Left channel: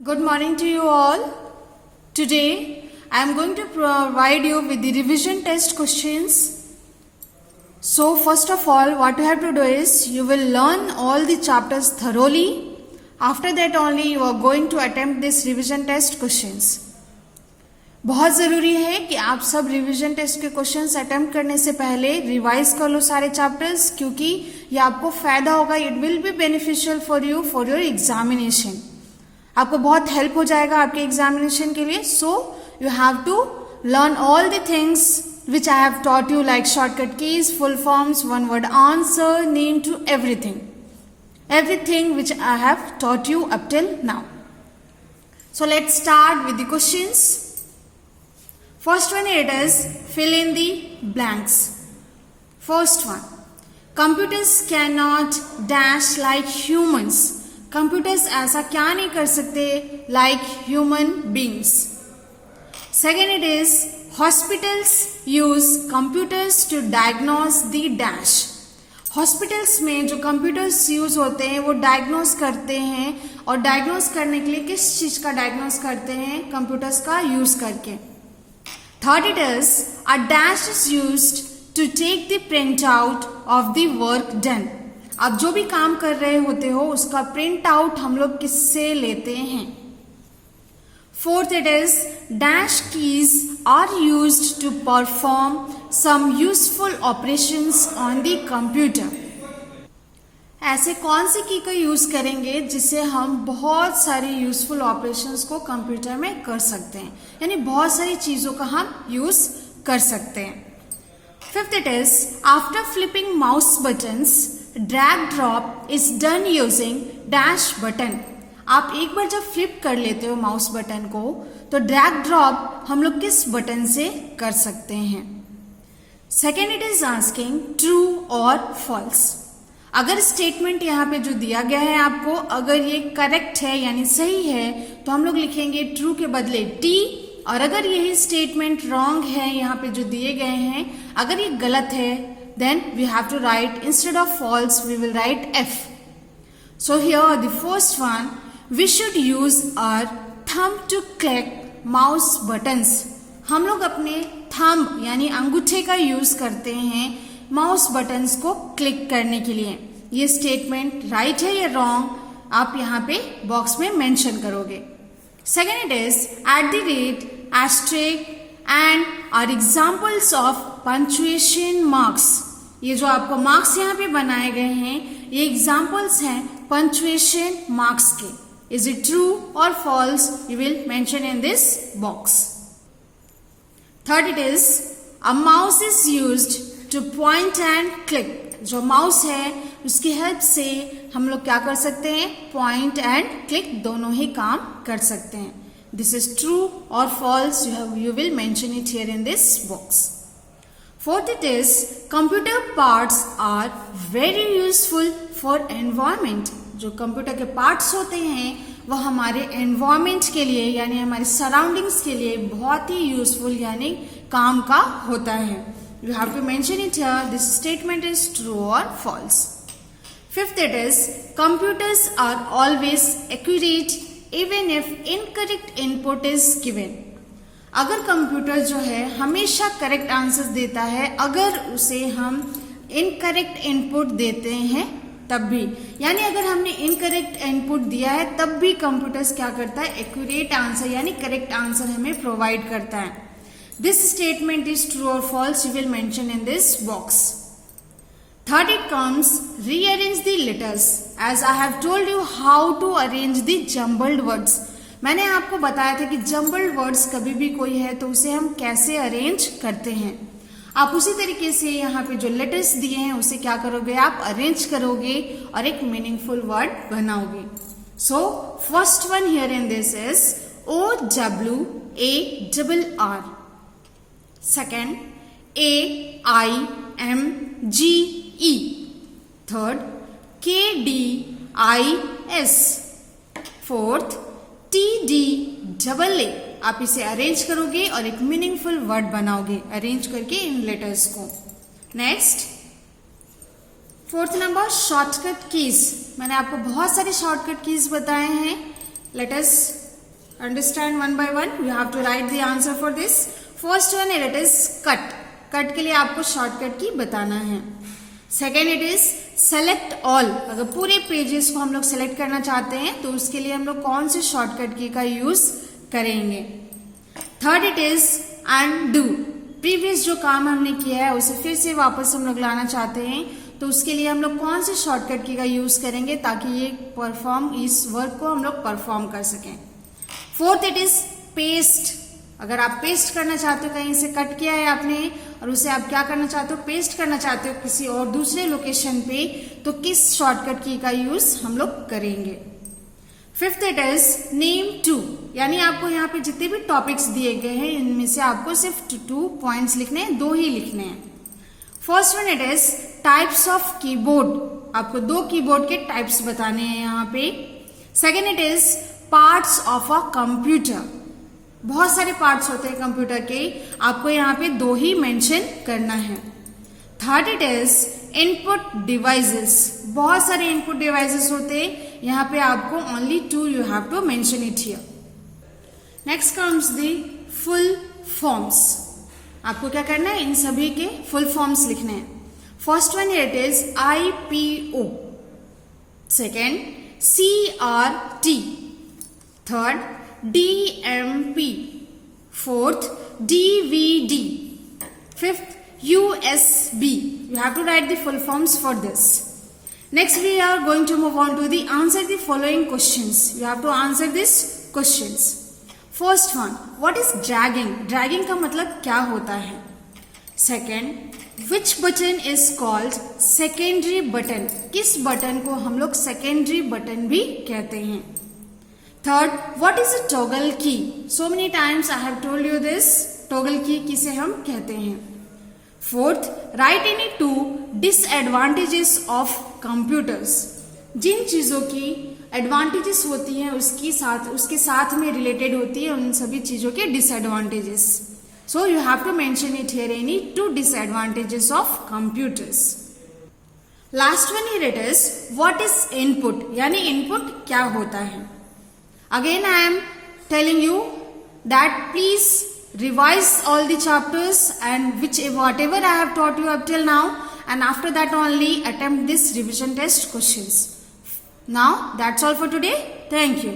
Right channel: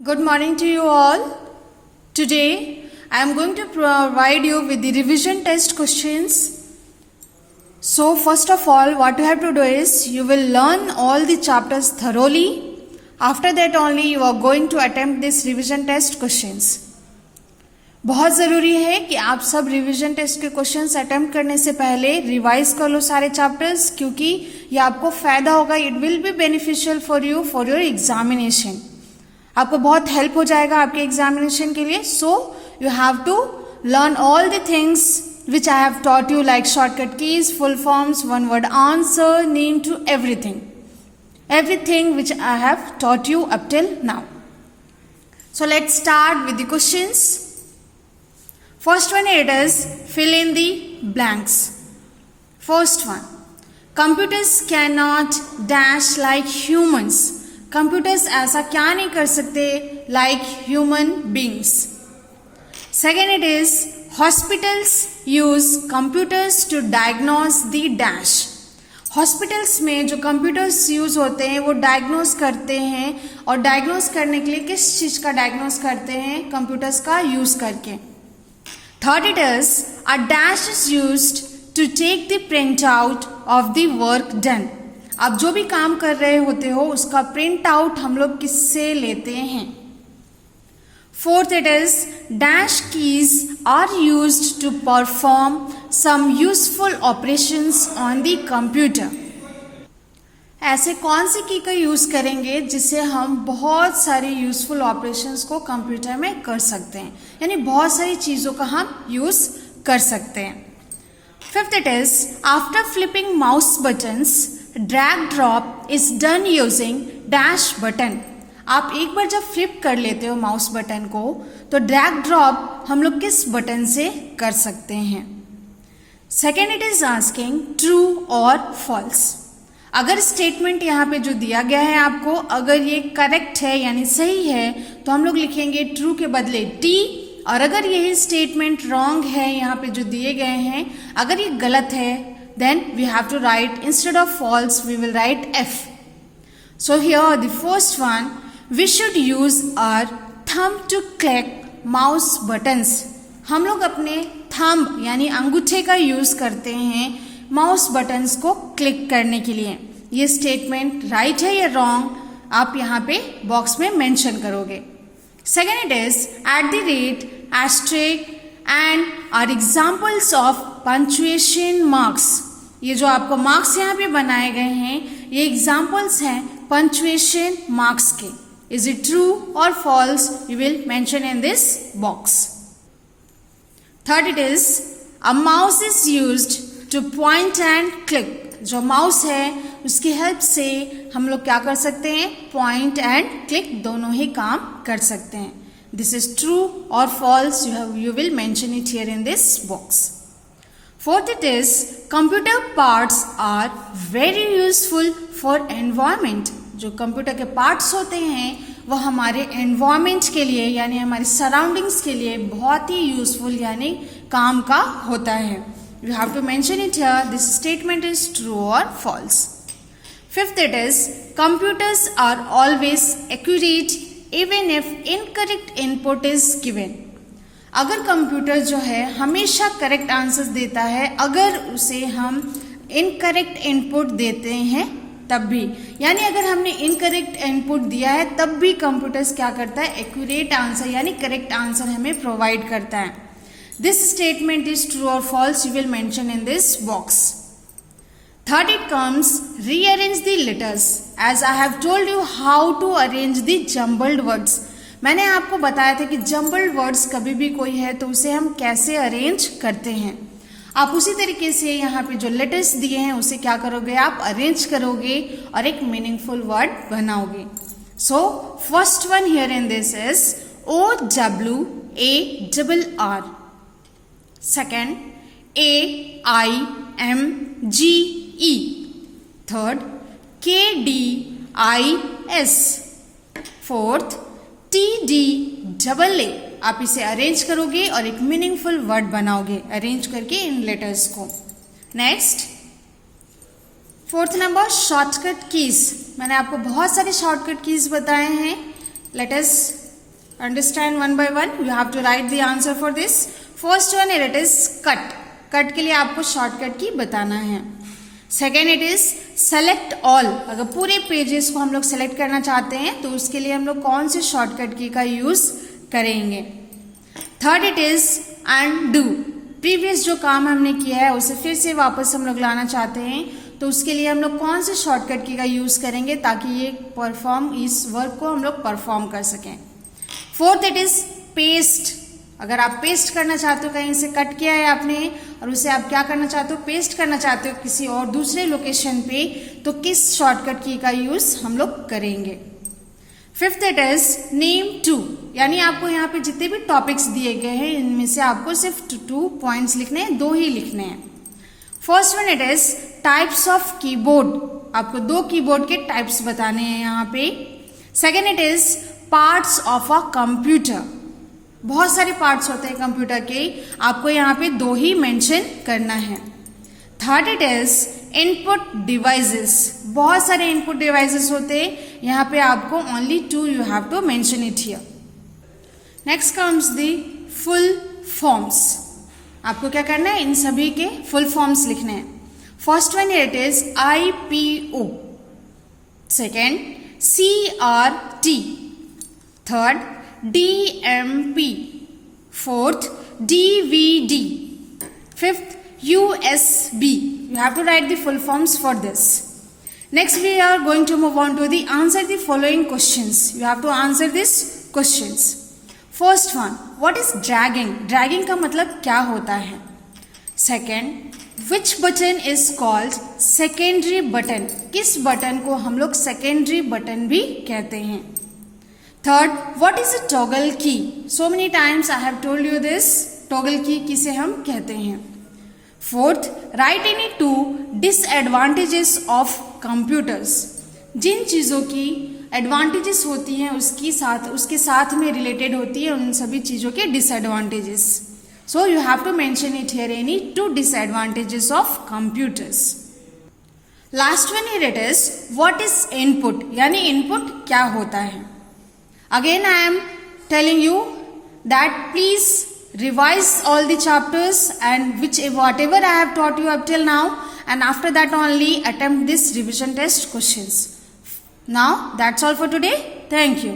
Good morning to you all. Today I am going to provide you with the revision test questions. So first of all, what you have to do is you will learn all the chapters thoroughly. After that only you are going to attempt this revision test questions. बहुत ज़रूरी है कि आप सब revision test के questions attempt करने से पहले रिवाइज कर लो सारे चैप्टर्स, क्योंकि ये आपको फायदा होगा. It will be beneficial for you for your examination. आपको बहुत हेल्प हो जाएगा आपके एग्जामिनेशन के लिए. So you have to learn all the things which I have taught you, like shortcut keys, full forms, one word answer, name to everything which I have taught you up till now. So let's start with the questions. First one, it is fill in the blanks. First one, computers cannot dash like humans. Computers ऐसा क्या नहीं कर सकते like human beings. Second, it is hospitals use computers to diagnose the dash. Hospitals में जो computers use होते हैं वो डायग्नोज करते हैं, और डायग्नोज करने के लिए किस चीज का डायग्नोज करते हैं? कंप्यूटर्स का यूज करके. Third, it is a dash is used to take the print out of the work done. आप जो भी काम कर रहे होते हो उसका प्रिंट आउट हम लोग किससे लेते हैं? Fourth, it is dash keys are used to perform some useful operations on the computer. ऐसे कौन सी की का यूज करेंगे जिससे हम बहुत सारी यूजफुल ऑपरेशंस को कंप्यूटर में कर सकते हैं, यानी बहुत सारी चीजों का हम यूज कर सकते हैं. Fifth, it is after flipping mouse buttons drag drop is done using dash button. आप एक बार जब फ्लिप कर लेते हो माउस बटन को तो ड्रैग ड्रॉप हम लोग किस बटन से कर सकते हैं? Second, it is asking true और फॉल्स. अगर स्टेटमेंट यहाँ पे जो दिया गया है आपको, अगर ये करेक्ट है यानी सही है तो हम लोग लिखेंगे ट्रू के बदले टी, और अगर यही स्टेटमेंट रॉन्ग है यहाँ पे जो दिए गए हैं, अगर ये गलत है then we have to write, instead of false we will write F. So here the first one, we should use our thumb to click mouse buttons. हम लोग अपने थंब यानी अंगूठे का यूज करते हैं माउस बटन्स को क्लिक करने के लिए. ये स्टेटमेंट राइट है या रॉन्ग आप यहाँ पे बॉक्स में मेंशन करोगे. Second, it is at the rate, asterisk and are examples of punctuation marks. ये जो आपको मार्क्स यहाँ पे बनाए गए हैं ये एग्जाम्पल्स हैं पंक्चुएशन मार्क्स के. इज इट ट्रू और false? You will mention in this box. Third, it is a mouse is used to point and click. जो माउस है उसकी हेल्प से हम लोग क्या कर सकते हैं? पॉइंट एंड क्लिक दोनों ही काम कर सकते हैं. This is true or false? You will mention it here in this box. Fourth, it is computer parts are very useful for environment. जो कंप्यूटर के पार्ट्स होते हैं वह हमारे एनवायरमेंट के लिए यानी हमारे सराउंडिंग्स के लिए बहुत ही यूजफुल यानी काम का होता है. You have to mention it here. This statement is true or false. Fifth, it is computers are always accurate even if incorrect input is given. अगर कंप्यूटर जो है हमेशा करेक्ट आंसर देता है अगर उसे हम इनकरेक्ट इनपुट देते हैं तब भी, यानी अगर हमने इनकरेक्ट इनपुट दिया है तब भी कंप्यूटर्स क्या करता है? एक्यूरेट आंसर यानी करेक्ट आंसर हमें प्रोवाइड करता है. दिस स्टेटमेंट इज ट्रू और false? You will mention in this box. Third, it comes rearrange the letters. As I have told you how to arrange the jumbled words. मैंने आपको बताया था कि jumbled words कभी भी कोई है तो उसे हम कैसे अरेंज करते हैं. आप उसी तरीके से यहाँ पे जो लेटर्स दिए हैं उसे क्या करोगे? आप अरेंज करोगे और एक मीनिंगफुल वर्ड बनाओगे. So first one here in this is OWARR. Second AIMGE. Third KDIS. Fourth TDAA. आप इसे अरेंज करोगे और एक मीनिंगफुल वर्ड बनाओगे अरेंज करके इन लेटर्स को. Next, fourth number shortcut keys. मैंने आपको बहुत सारे शॉर्टकट कीज बताए हैं. Let us Understand one by one. You have to write the answer for this. First one it is cut. Cut के लिए आपको शॉर्टकट की बताना है. Second it is select all. अगर पूरे पेजेस को हम लोग सेलेक्ट करना चाहते हैं तो उसके लिए हम लोग कौन से शॉर्टकट की का यूज करेंगे. Third it is undo. Previous जो काम हमने किया है उसे फिर से वापस हम लोग लाना चाहते हैं तो उसके लिए हम लोग कौन से शॉर्टकट की का यूज करेंगे ताकि ये इस वर्क को हम लोग परफॉर्म कर सकें. Fourth it is paste. अगर आप पेस्ट करना चाहते हो, कहीं से कट किया है आपने और उसे आप क्या करना चाहते हो, पेस्ट करना चाहते हो किसी और दूसरे लोकेशन पे, तो किस शॉर्टकट की का यूज हम लोग करेंगे. Fifth it is name two. यानी आपको यहाँ पे जितने भी टॉपिक्स दिए गए हैं इनमें से आपको सिर्फ 2 पॉइंट्स लिखने हैं, 2 ही लिखने हैं. First one it is types of keyboard. आपको 2 कीबोर्ड के टाइप्स बताने हैं यहाँ पे. Second it is parts of a computer. बहुत सारे पार्ट्स होते हैं कंप्यूटर के, आपको यहाँ पे 2 ही मेंशन करना है. Third it is input devices. बहुत सारे इनपुट डिवाइसेस होते हैं, यहाँ पे आपको only 2 you have to mention it here. Next comes the full forms. आपको क्या करना है, इन सभी के फुल फॉर्म्स लिखने हैं. First one it is IPO. Second CRT. Third DMP. Fourth DVD. Fifth USB. You have to write the full forms for this. Next we are going to move on to the answer the following questions. You have to answer these questions. First one, what is dragging? Dragging का मतलब क्या होता है. Second, which button is called secondary button? किस button को हम लोग secondary button भी कहते हैं. Third, what is a toggle key? So many times I have told you this. Toggle key किसे हम कहते हैं. Fourth, write any 2 disadvantages of computers. जिन चीजों की एडवांटेजेस होती हैं उसके साथ में रिलेटेड होती है उन सभी चीजों के disadvantages. So you have to mention it here any 2 disadvantages of computers. Last one here it is what is input? यानी input क्या होता है. Again I am telling you that please revise all the chapters and whatever I have taught you up till now, and after that only attempt this revision test questions. Now that's all for today. Thank you.